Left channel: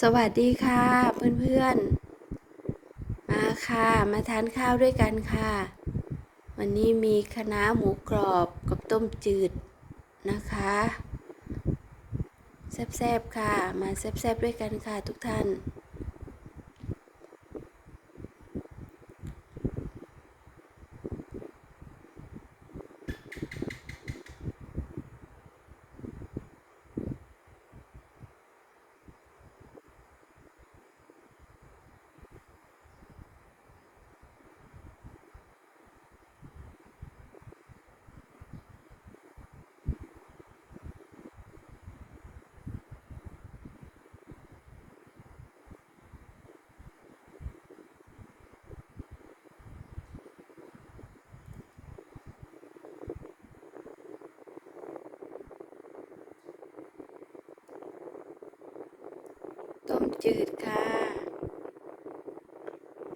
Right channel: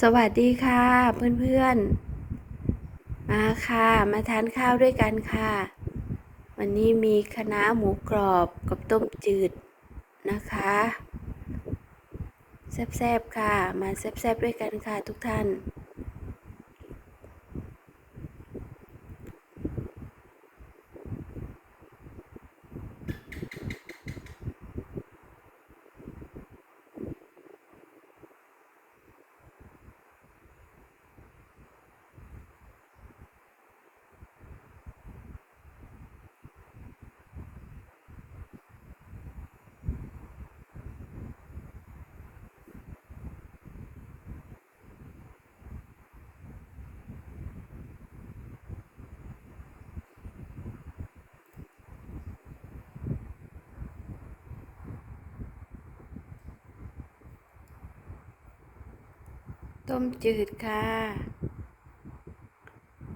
สวัสดีค่ะเพื่อนๆ มาค่ะมาทานข้าวด้วยกันค่ะ วันนี้มีคณะหมูกรอบกับต้มจืดนะคะ แซ่บๆค่ะ มาแซ่บๆด้วยกันค่ะทุกท่าน ต้มจืดค่ะ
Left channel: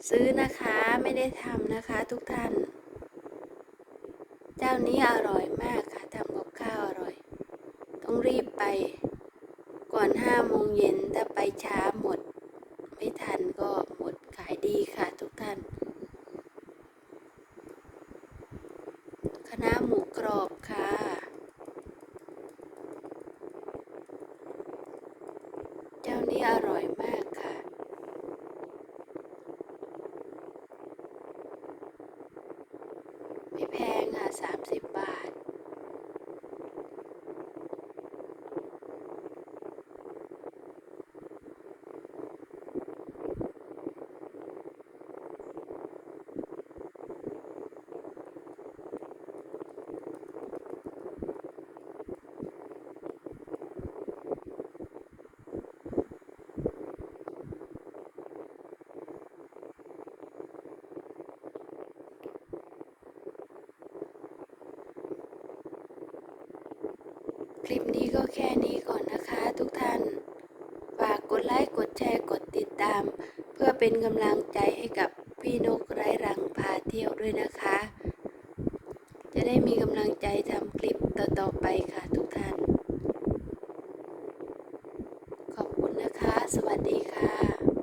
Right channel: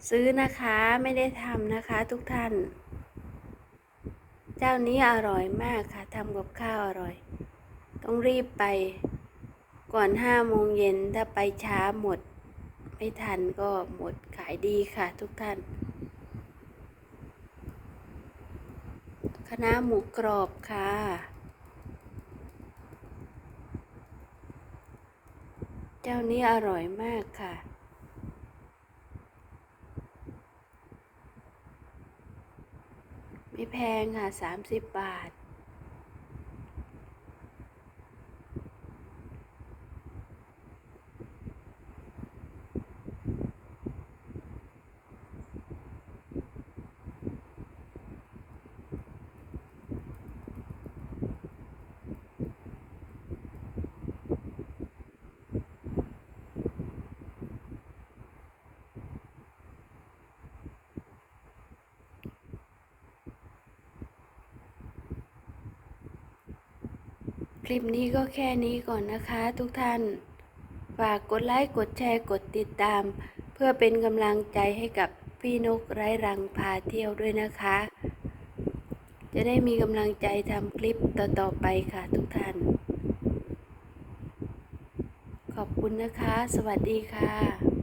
ซื้อนะคะไม่ได้ทำนะคะทุกท่าน เจ้านี้อร่อยมากค่ะทำกับข้าวอร่อย ต้องรีบไป ก่อนห้าโมงเย็นถ้าไปช้าหมด ไม่ทันก็หมดขายดีค่ะทุกท่านคณะหมูกรอบค่ะ เจ้านี้อร่อยมากค่ะ ไม่แพงค่ะสามสิบบาท คลิปนี้ก็แค่นี้ก่อนนะคะทุกท่าน ฝากกดไลค์กดแชร์กดติดตาม เพื่อเป็นกำลังใจให้กับพี่นกไร้รังพาเที่ยวด้วยนะคะ จะได้มีกำลังใจทำคลิปต่อๆไปค่ะทุกท่าน ขอบคุณนะคะ สวัสดีค่ะ